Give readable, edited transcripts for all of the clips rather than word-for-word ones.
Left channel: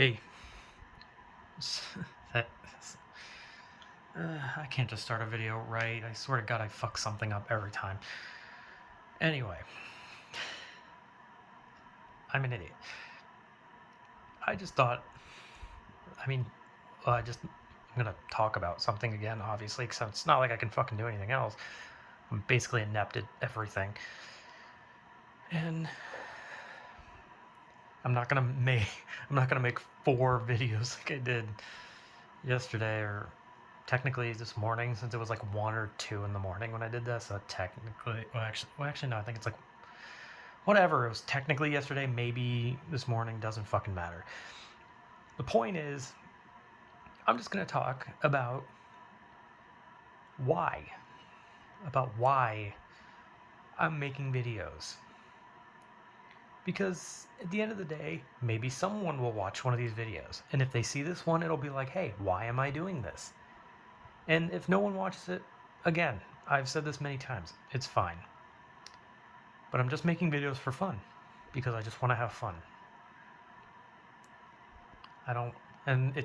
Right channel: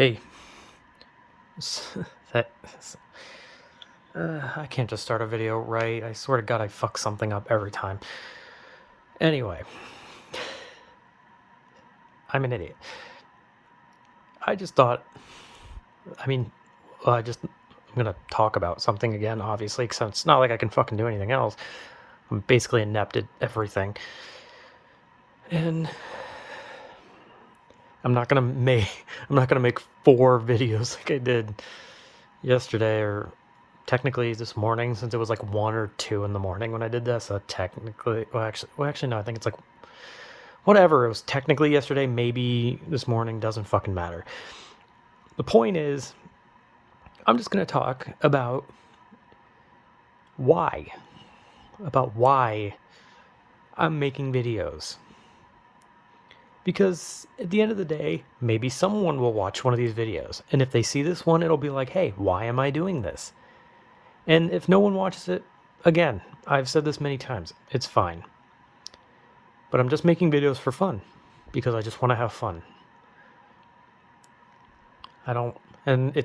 Hey, that I can't just start a video right. I swear to God, I fuck something up every time. Anyway, I'm an idiot. I just thought, I mean, I just I'm gonna talk about something again, obviously, because it's not like I can fucking do anything else. I'm basically inept at everything, and I'm not gonna make I'm not gonna make 4 videos like I did yesterday or technically this morning, since it was like 1 or 2 in the morning when I did this. So technically, well actually no, I think it's like whatever. It was technically yesterday, maybe this morning, doesn't fucking matter. The point is, I'm just gonna talk why about why I'm making videos. Because at the end of the day, maybe someone will watch one of these videos, and if they see this one, it'll be like, hey, why am I doing this? And if no one watches it, again, I've said this many times, it's fine. But I'm just making videos for fun, because I just want to have fun. I don't, and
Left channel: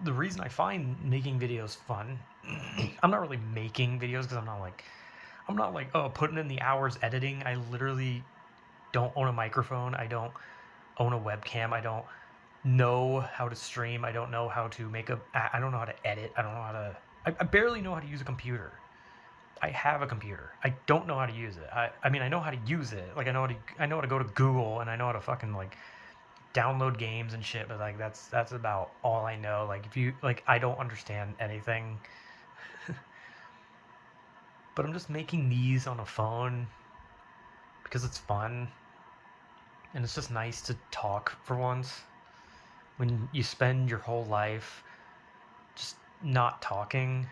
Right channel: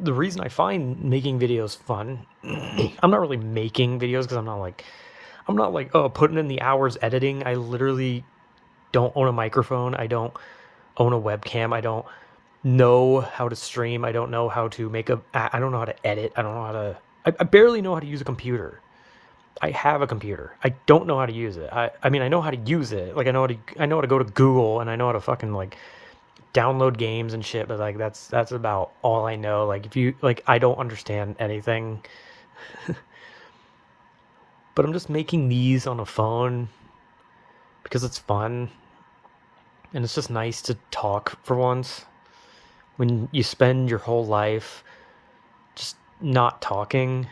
the reason I find making videos fun, I'm not really making videos because I'm not like, oh, putting in the hours editing. I literally don't own a microphone. I don't own a webcam. I don't know how to stream. I don't know how to I don't know how to edit. I don't know how to, I barely know how to use a computer. I have a computer. I don't know how to use it. I mean, I know how to use it. Like, I know how to go to Google, and I know how to fucking like download games and shit, but like that's about all I know. Like, if you like, I don't understand anything. But I'm just making these on a phone because it's fun, and it's just nice to talk for once. When you spend your whole life just not talking,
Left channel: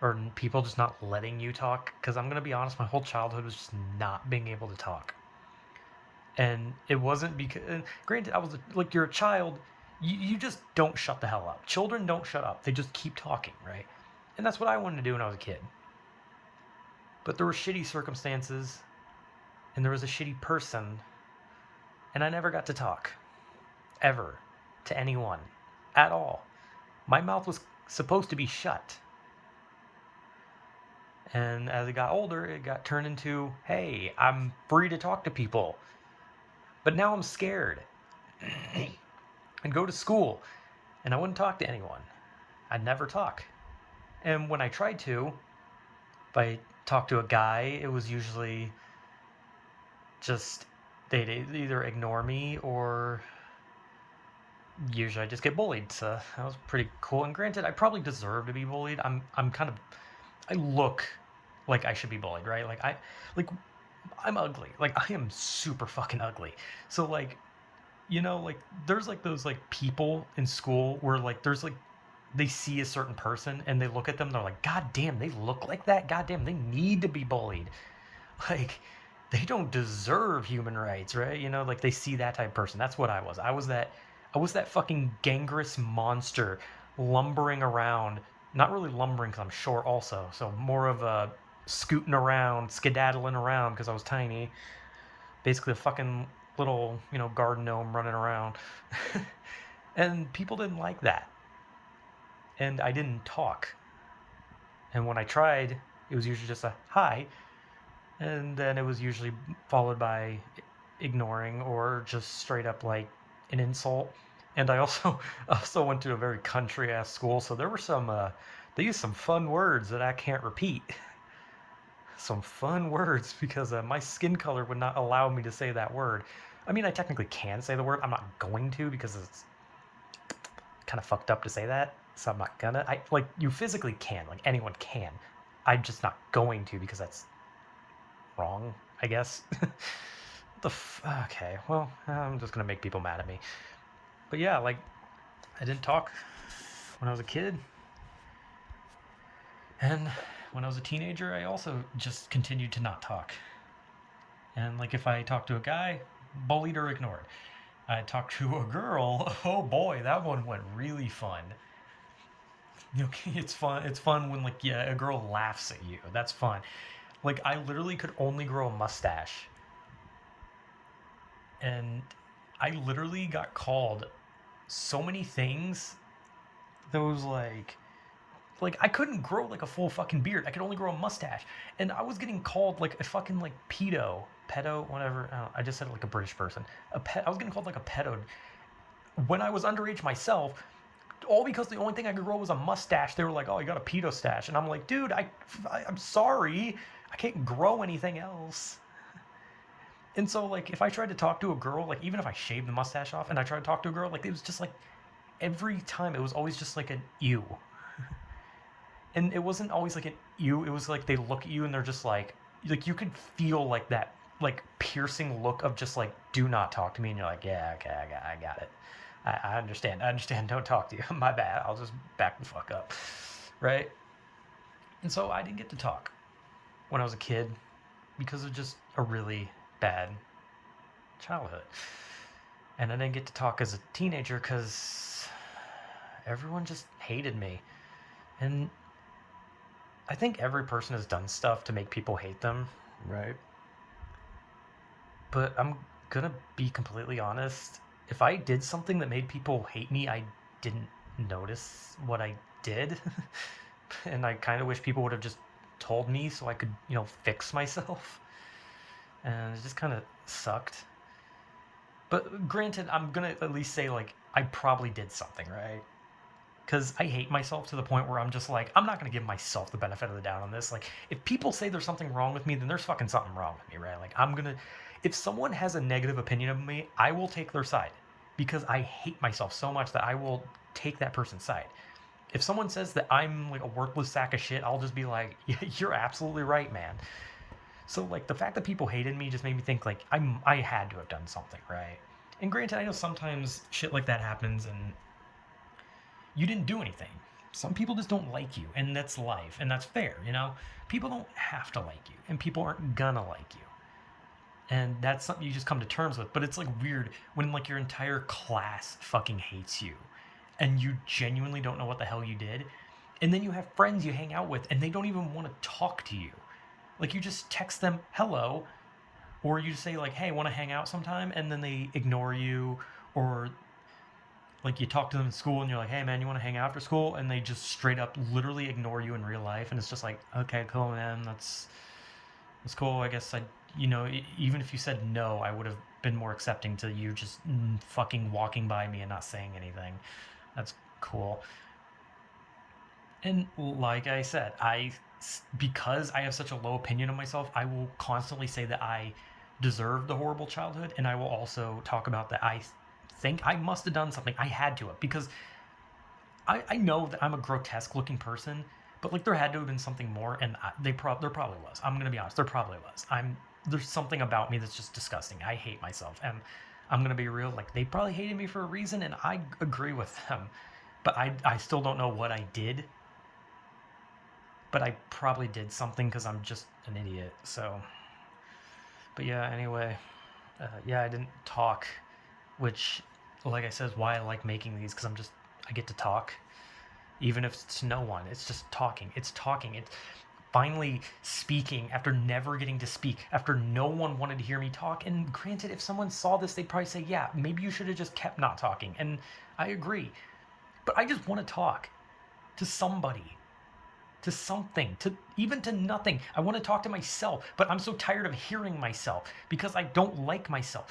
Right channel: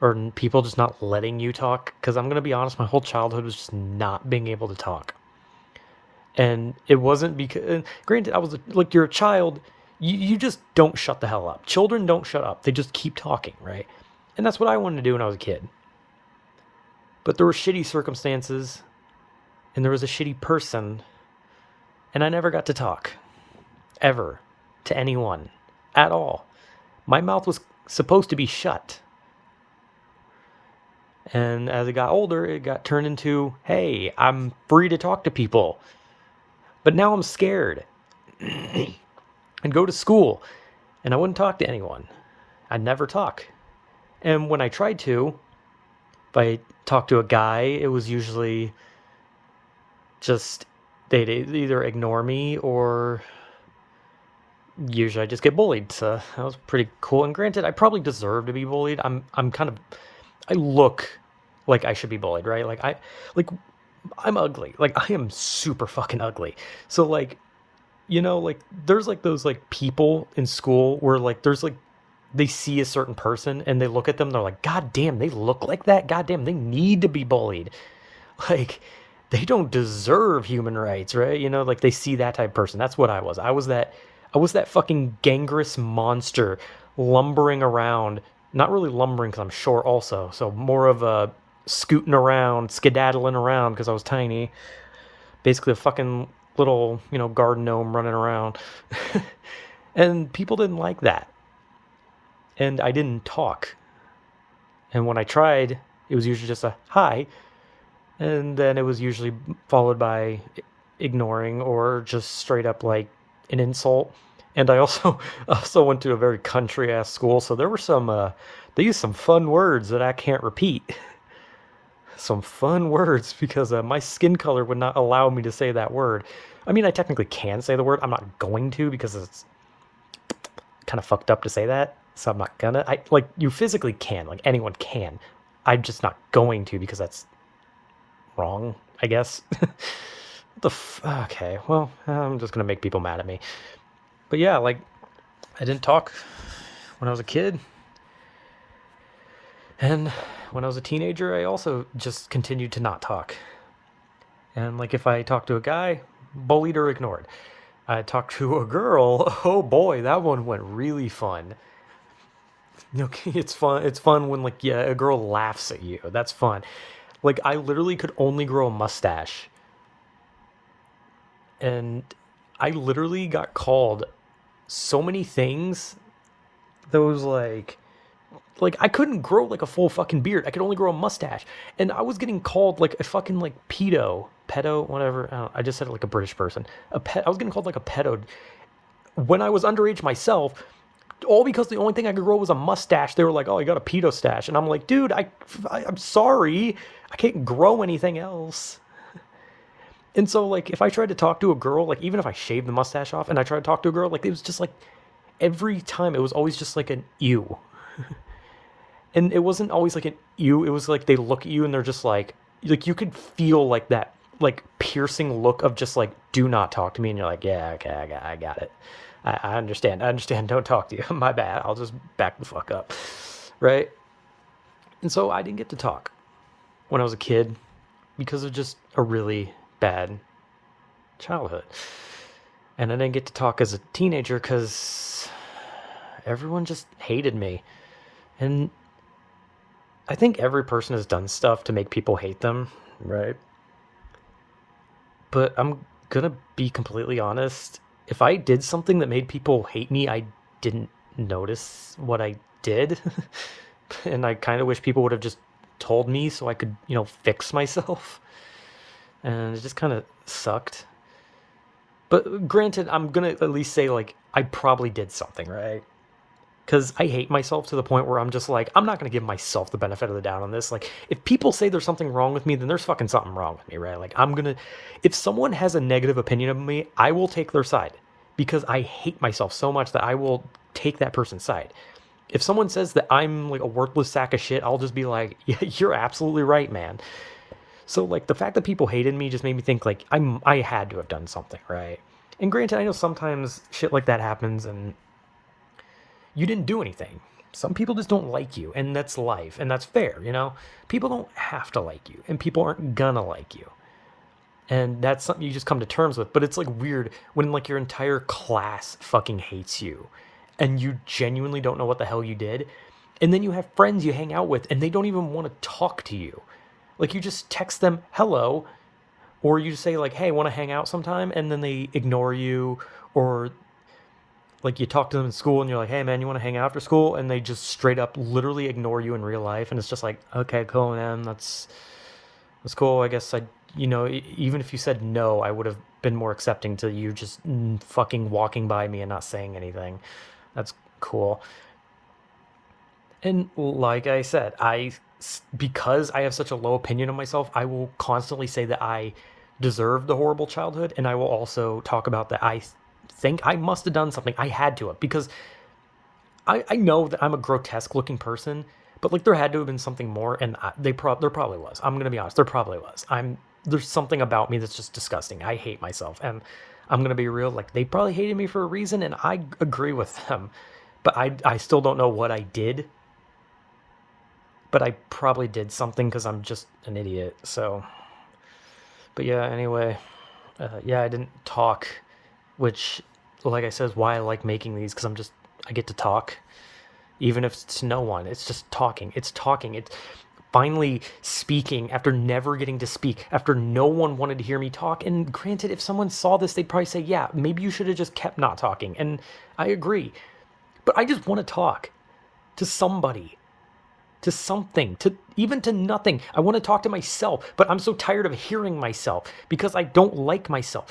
or people just not letting you talk, because I'm gonna be honest, my whole childhood was just not being able to talk. And it wasn't because, granted, I was like, you're a child, you just don't shut the hell up. Children don't shut up, they just keep talking, right? And that's what I wanted to do when I was a kid. But there were shitty circumstances, and there was a shitty person, and I never got to talk ever to anyone at all. My mouth was supposed to be shut. And as I got older, it got turned into, hey, I'm free to talk to people. But now I'm scared. I'd go to school and I wouldn't talk to anyone. I'd never talk. And when I tried to, if I talked to a guy, it was usually just they'd either ignore me, or usually I just get bullied. So that was pretty cool. And granted, I probably deserve to be bullied. I'm kind of, I look like I should be bullied, right? Like I'm ugly. Like, I am super fucking ugly. So like, like there's like those like people in school where like there's like they see a certain person and they look at them, they're like, God damn, they look like that. God damn, they need to be bullied. Like, they don't deserve human rights, right? Like, they see that type of person. That's what I was. I was that fucking gangrenous monster lumbering around. Not really lumbering because I'm short also, so more of a scooting around, skedaddling around because I was tiny. Basically a fucking little, garden gnome running around. And people didn't like that. And I didn't talk. And when I tried, it was usually just a hi, and then it was usually followed by ignoring or just straight up like an insult. And I also also went to a very country ass school, so there were some they used some fun words that I can't repeat. Some fun words because my skin color would not allow me to say that word. I mean, I technically can say the word. I'm not going to because it's kind of fucked up to say that. So I'm not gonna. I like, you physically can, like anyone can. I'm just not going to because that's wrong, I guess. Okay, well, I'm just gonna make people mad at me. But yeah, like, I didn't talk when I was a kid, and when I was a teenager, I also just continued to not talk. And like, if I talked to a guy, bullied or ignored. I talked to a girl. Oh boy, that one went really fun. Okay, it's fun. It's fun when, like, yeah, a girl laughs at you. That's fun. Like, I literally could only grow a mustache, and I literally got called so many things. Those like I couldn't grow like a full fucking beard. I could only grow a mustache, and I was getting called like a fucking like pedo, whatever. I just said it like a British person. A pet. I was getting called like a pedo when I was underage myself. All because the only thing I could grow was a mustache. They were like, "Oh, you got a pedo stash," and I'm like, "Dude, I'm sorry, I can't grow anything else." And so like if I tried to talk to a girl, like even if I shaved the mustache off and I tried to talk to a girl, like it was just like every time it was always just like an ew. And it wasn't always like an ew. It was like they look at you and they're just like you could feel like that like piercing look of just like do not talk to me, and you're like, yeah, okay, I got it. I understand. I understand. Don't talk to you. My bad. I'll just back the fuck up, right? And so I didn't get to talk when I was a kid because of just a really bad childhood, and I didn't get to talk as a teenager because everyone just hated me, and I think every person has done stuff to make people hate them, right? But I'm gonna be completely honest. If I did something that made people hate me, I didn't notice what I did. And I kind of wish people would have just told me so I could, fix myself. And it just kind of sucked. But granted, I'm gonna at least say, like, I probably did something, right? Because I hate myself to the point where I'm just like, I'm not going to give myself the benefit of the doubt on this. Like, if people say there's something wrong with me, then there's fucking something wrong with me, right? Like, if someone has a negative opinion of me, I will take their side because I hate myself so much that I will take that person's side. If someone says that I'm like a worthless sack of shit, I'll just be like, yeah, you're absolutely right, man. So, like, the fact that people hated me just made me think, like, I had to have done something, right? And granted, I know sometimes shit like that happens and you didn't do anything. Some people just don't like you, and that's life, and that's fair. People don't have to like you, and people aren't gonna like you. And that's something you just come to terms with. But it's like weird when like your entire class fucking hates you and you genuinely don't know what the hell you did. And then you have friends you hang out with and they don't even want to talk to you. Like you just text them hello, or you just say like, hey, want to hang out sometime? And then they ignore you, or like you talk to them in school and you're like, hey man, you want to hang out after school? And they just straight up literally ignore you in real life. And it's just like, okay, cool, man. That's cool. I guess even if you said no, I would have been more accepting to you just fucking walking by me and not saying anything. That's cool. And like I said, because I have such a low opinion of myself, I will constantly say that I deserved a horrible childhood, and I will also talk about that I think I must have done something. I had to have, because I know that I'm a grotesque looking person, but like there had to have been something more, and there probably was. I'm gonna be honest, there probably was. There's something about me that's just disgusting. I hate myself, and I'm gonna be real. Like they probably hated me for a reason, and I agree with them, but I still don't know what I did. But I probably did something because I'm just an idiot. So, but yeah. Anyway, yeah, I didn't talk, which, like I said, is why I like making these, because I get to talk, even if it's to no one. It's just talking. It's talking. It's finally speaking after never getting to speak, after no one wanted to hear me talk. And granted, if someone saw this, they'd probably say, yeah, maybe you should have just kept not talking. And I agree. But I just want to talk to somebody, to something, to even to nothing. I want to talk to myself, but I'm so tired of hearing myself because I don't like myself.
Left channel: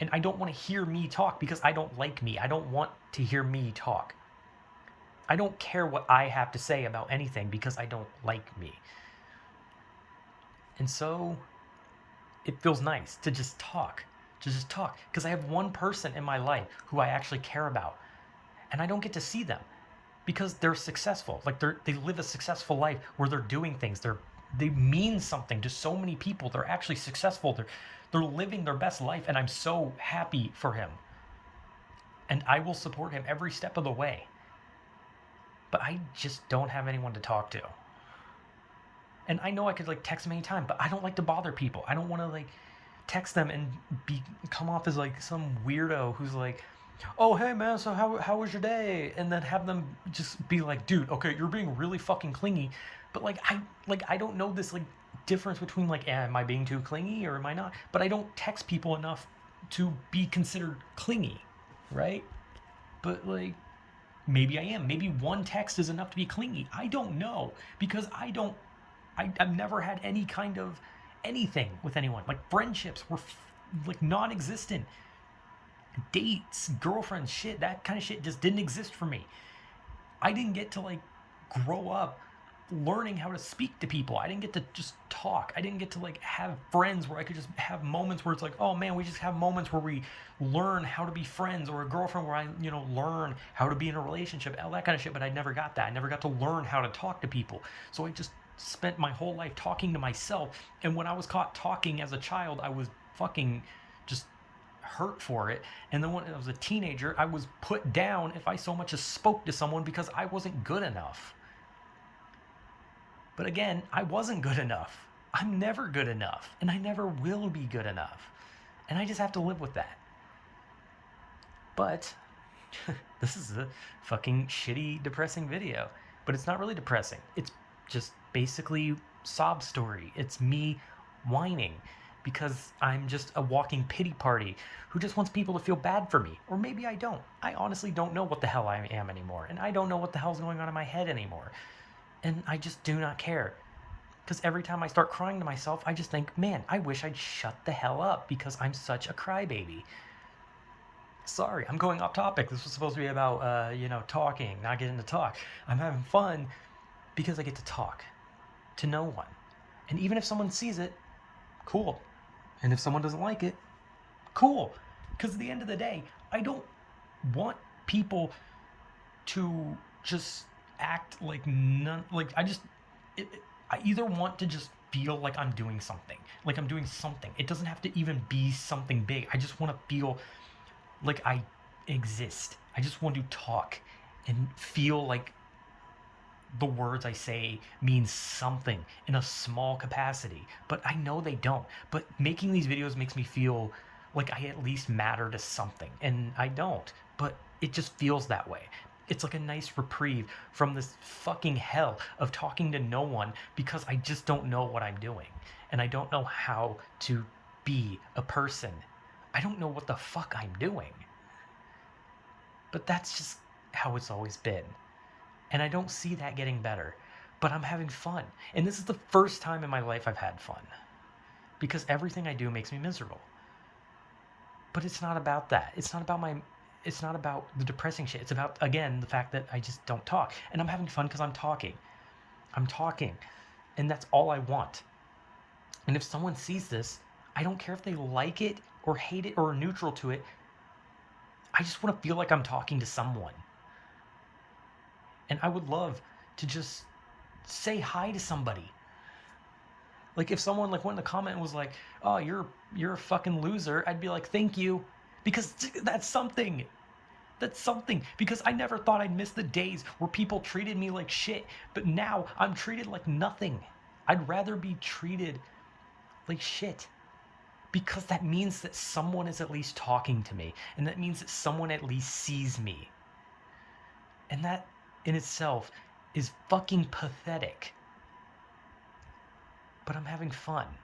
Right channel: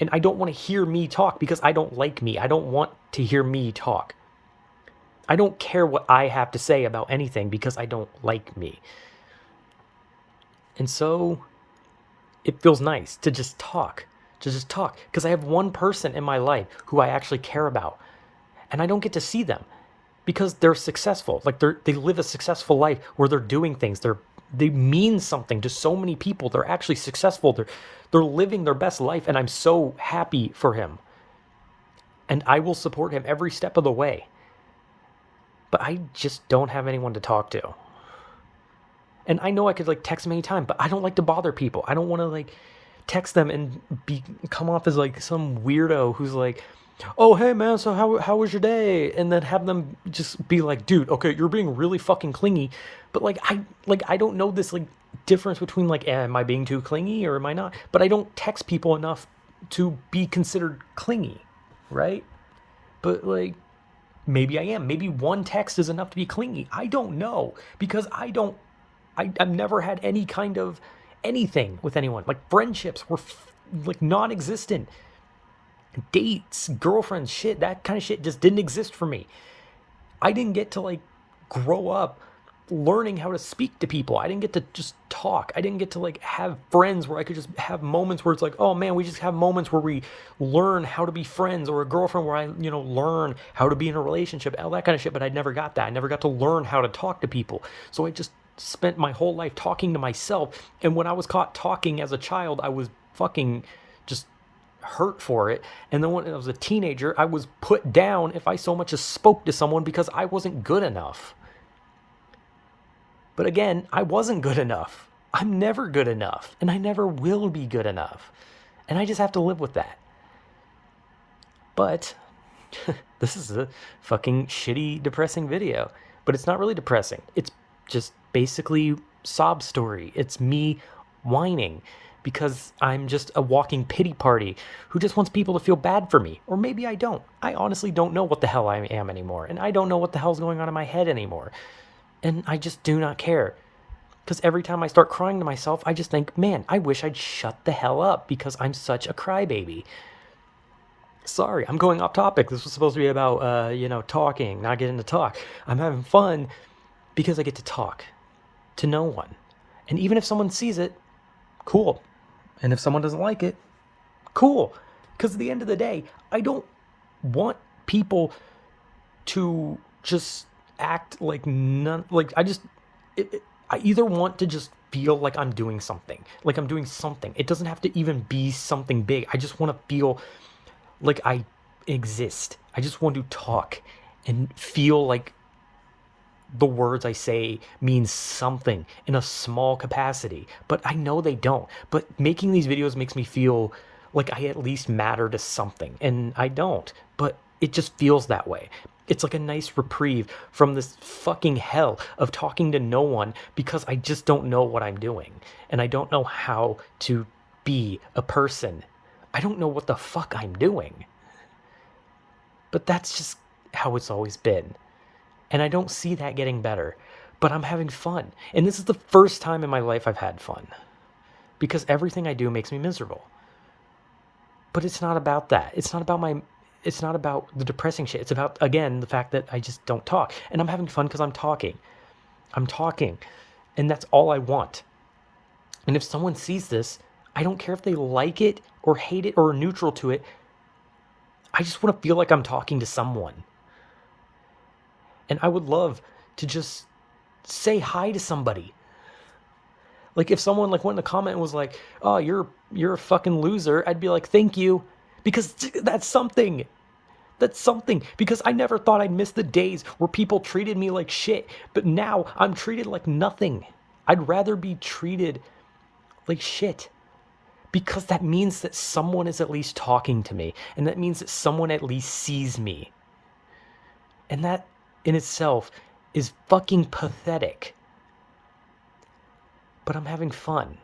And I don't want to hear me talk because I don't like me. I don't want to hear me talk. I don't care what I have to say about anything because I don't like me. And so it feels nice to just talk, because I have one person in my life who I actually care about, and I don't get to see them because they're successful. Like they live a successful life where they're doing things. They mean something to so many people. They're actually successful. They're living their best life, and I'm so happy for him. And I will support him every step of the way. But I just don't have anyone to talk to. And I know I could like text them anytime, but I don't like to bother people. I don't want to like text them and come off as like some weirdo who's like, oh hey man, so how was your day? And then have them just be like, dude, okay, you're being really fucking clingy, but I don't know this like difference between like, am I being too clingy or am I not? But I don't text people enough to be considered clingy, right? But like, maybe I am. Maybe one text is enough to be clingy. I don't know because I've never had any kind of anything with anyone. Like friendships were like non-existent. Dates, girlfriends, shit, that kind of shit just didn't exist for me. I didn't get to like grow up learning how to speak to people. I didn't get to just talk. I didn't get to like have friends where I could just have moments where it's like, oh man, we just have moments where we learn how to be friends, or a girlfriend where I, learn how to be in a relationship, all that kind of shit. But I never got that. I never got to learn how to talk to people. So I just spent my whole life talking to myself. And when I was caught talking as a child, I was fucking just hurt for it. And then when I was a teenager, I was put down if I so much as spoke to someone because I wasn't good enough. But again, I wasn't good enough. I'm never good enough, and I never will be good enough. And I just have to live with that. But this is a fucking shitty, depressing video. But it's not really depressing. It's just basically sob story. It's me whining because I'm just a walking pity party who just wants people to feel bad for me. Or maybe I don't. I honestly don't know what the hell I am anymore. And I don't know what the hell's going on in my head anymore. And I just do not care. Because every time I start crying to myself, I just think, man, I wish I'd shut the hell up because I'm such a crybaby. Sorry, I'm going off topic. This was supposed to be about, talking, not getting to talk. I'm having fun because I get to talk to no one. And even if someone sees it, cool. And if someone doesn't like it, cool. Because at the end of the day, I don't want people to just act like none. Like I either want to just feel like I'm doing something, like I'm doing something. It doesn't have to even be something big. I just want to feel like I exist. I just want to talk and feel like the words I say mean something in a small capacity. But I know they don't. But making these videos makes me feel like I at least matter to something. And I don't. But it just feels that way. It's like a nice reprieve from this fucking hell of talking to no one because I just don't know what I'm doing. And I don't know how to be a person. I don't know what the fuck I'm doing. But that's just how it's always been. And I don't see that getting better. But I'm having fun. And this is the first time in my life I've had fun. Because everything I do makes me miserable. But it's not about that. It's not about the depressing shit. It's about, again, the fact that I just don't talk. And I'm having fun because I'm talking. I'm talking. And that's all I want. And if someone sees this, I don't care if they like it or hate it or are neutral to it. I just want to feel like I'm talking to someone. And I would love to just say hi to somebody. Like if someone like went in a comment and was like, "Oh, you're a fucking loser," I'd be like, "Thank you," because that's something. That's something. Because I never thought I'd miss the days where people treated me like shit, but now I'm treated like nothing. I'd rather be treated like shit. Because that means that someone is at least talking to me, and that means that someone at least sees me. And that in itself is fucking pathetic. But I'm having fun.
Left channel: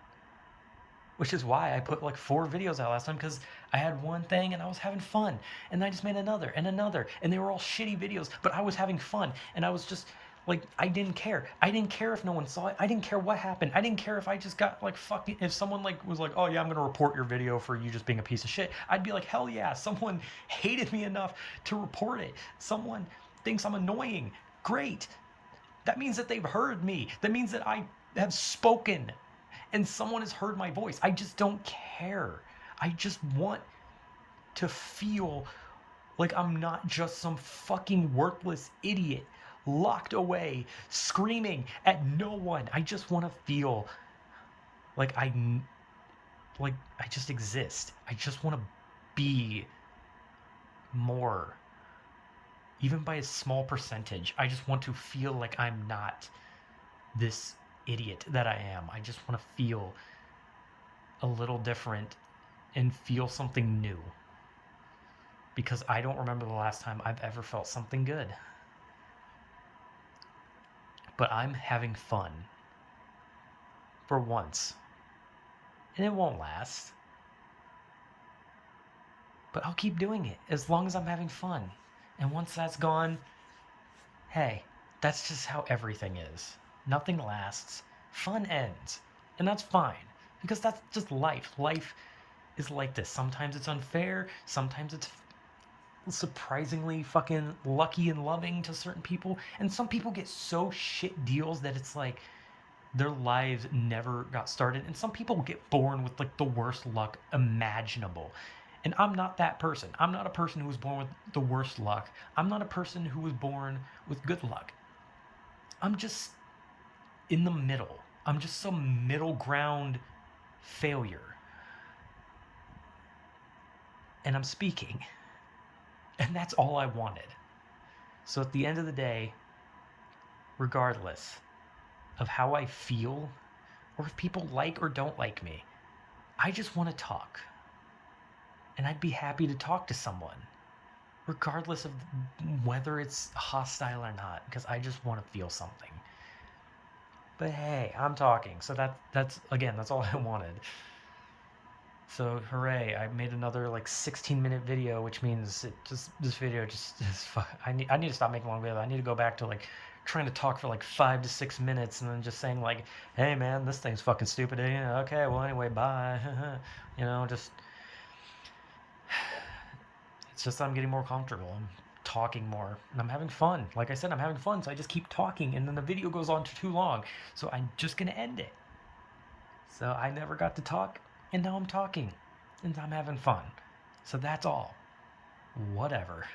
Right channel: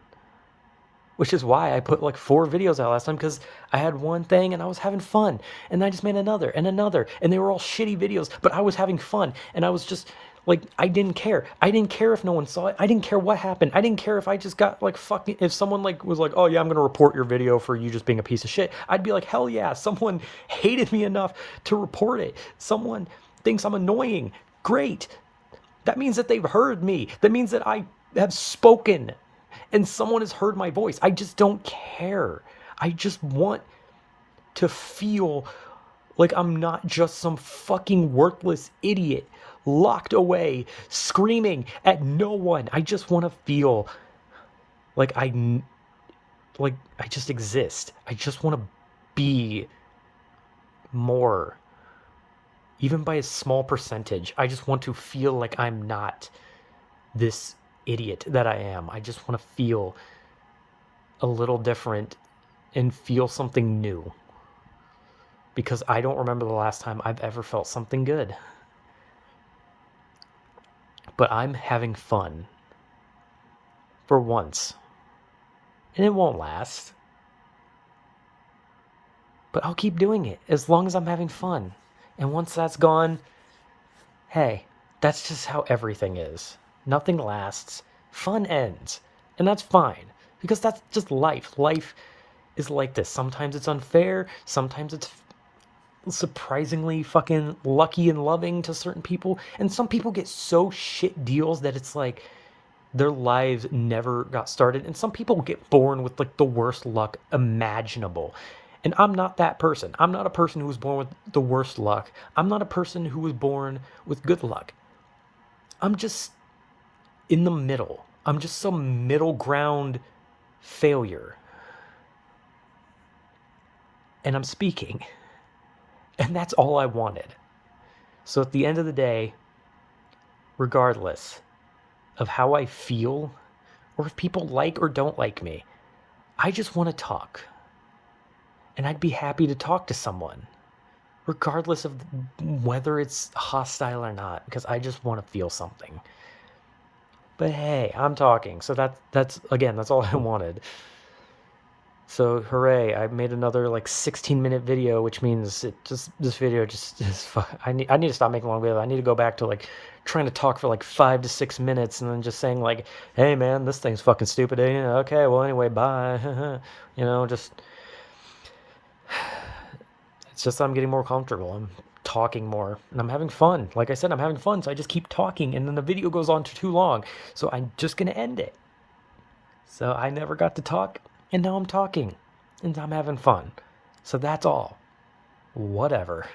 Which is why I put like 4 videos out last time, because I had one thing and I was having fun. And I just made another and another. And they were all shitty videos, but I was having fun. And I was just like, I didn't care. I didn't care if no one saw it. I didn't care what happened. I didn't care if I just got like fucking, if someone like was like, oh yeah, I'm going to report your video for you just being a piece of shit. I'd be like, hell yeah, someone hated me enough to report it. Someone thinks I'm annoying. Great. That means that they've heard me. That means that I have spoken and someone has heard my voice. I just don't care. I just want to feel like I'm not just some fucking worthless idiot locked away, screaming at no one. I just want to feel like I just exist. I just want to be more. Even by a small percentage. I just want to feel like I'm not this idiot that I am. I just want to feel a little different and feel something new. Because I don't remember the last time I've ever felt something good. But I'm having fun. For once. And it won't last. But I'll keep doing it as long as I'm having fun. And once that's gone, hey, that's just how everything is. Nothing lasts. Fun ends. And that's fine. Because that's just life. Life is like this. Sometimes it's unfair. Sometimes it's surprisingly fucking lucky and loving to certain people. And some people get so shit deals that it's like their lives never got started. And some people get born with like the worst luck imaginable. And I'm not that person. I'm not a person who was born with the worst luck. I'm not a person who was born with good luck. I'm just in the middle. I'm just some middle ground failure. And I'm speaking. And that's all I wanted. So at the end of the day, regardless of how I feel or if people like or don't like me, I just want to talk. And I'd be happy to talk to someone, regardless of whether it's hostile or not, because I just want to feel something. But hey, I'm talking, so that's again, that's all I wanted. So hooray! I made another like 16-minute video, which means this video just is. I need to stop making long videos. I need to go back to like trying to talk for like 5 to 6 minutes and then just saying like, "Hey man, this thing's fucking stupid." Okay, well anyway, bye. Just it's just I'm getting more comfortable. I'm talking more and I'm having fun. Like I said, I'm having fun, so I just keep talking, and then the video goes on too long, so I'm just gonna end it. So I never got to talk, and now I'm talking, and I'm having fun. So that's all. Whatever.